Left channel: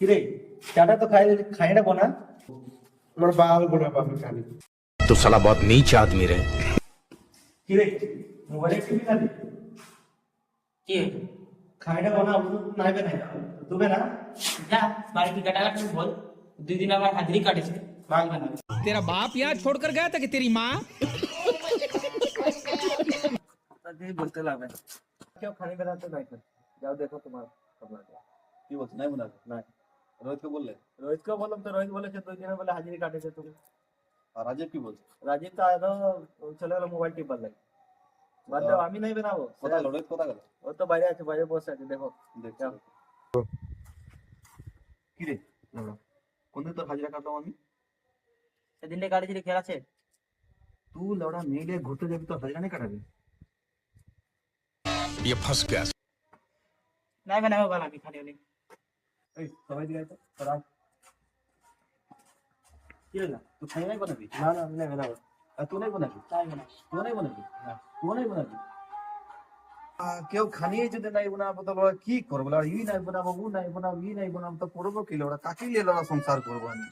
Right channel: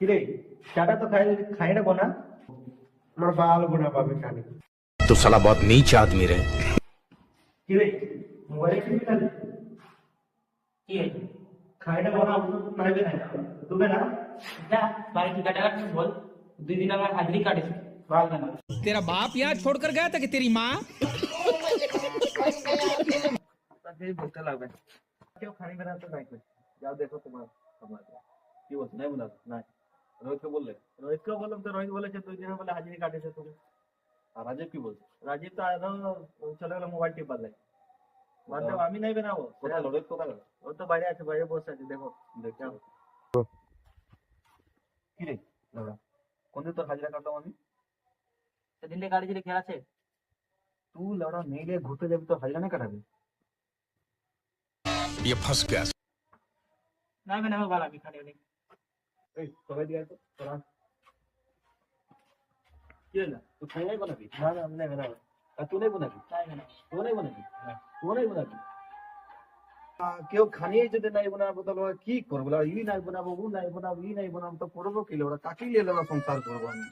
কিরে চাটা তো খাই না বনা আমার বাল বনা পাবে খালি तो साला बहुत नीच आदमी रहे। কিরে মোবাইলে টিভি খালি কি হয়েছে? খাই না বনা নাইবে না তুবে না যা বাড়ি কি কাটা কাটছিস বল, 2 দিন আবার হাজরি কাটিস বাল বানাবে। तेरा बाप यहाँ छोड़कर गया था कि तेरी माँ? তাই বলতে লাগবে কেউ খানি বানাতে নাই যাও দেখো তোমার আপনার কি বলছে নাই বলার নাই রোহিতকে বললে? রোহিতকে বললাম তো রোহিত বলেছে 2 দিনে বলে হাজিরি কাটেছে তুমি আর রাজীব কি বলছে? রাজীব তো আরো চলে গেল মোবাইল টিপবার লাগে বাদ দাও আমি নাই বানাবো কোথায় গেল রোহিত, কোথায় গেল? ও তো বাইরে আছে বাইরে বসে আছে দেখো দেখছি কি রে দাদা, কোনদিন তোর হাজিরা কাটলাম আমি? সেদিনটা কাটিছিলি খেয়াল আছে? তুই লড়া মেয়ে নিয়ে ঘুরতে যাবি, তোর হাজিরা নেই কাটাবি? ये फंस गया। নাই বানাবো বানাবি খালি হলে। এই সবাই দিয়ে আছে তোরা কি হলো, তুই খাই নাই বানাবি? না না আমি নাই বানাবো আর তুই নাই বানাবি? তাই বানাবি। তুই নাই বানাবি? তুই নাই বানাবি? কেউ খানিয়ে যদি নাই বানাবো তো বলে কি করবো? ই নাই বানাবো, ও নাই বানাবো, ই নাই বানাবো, তো করবো কি? ওরা কাকে নিয়ে সংসার করবো আমি?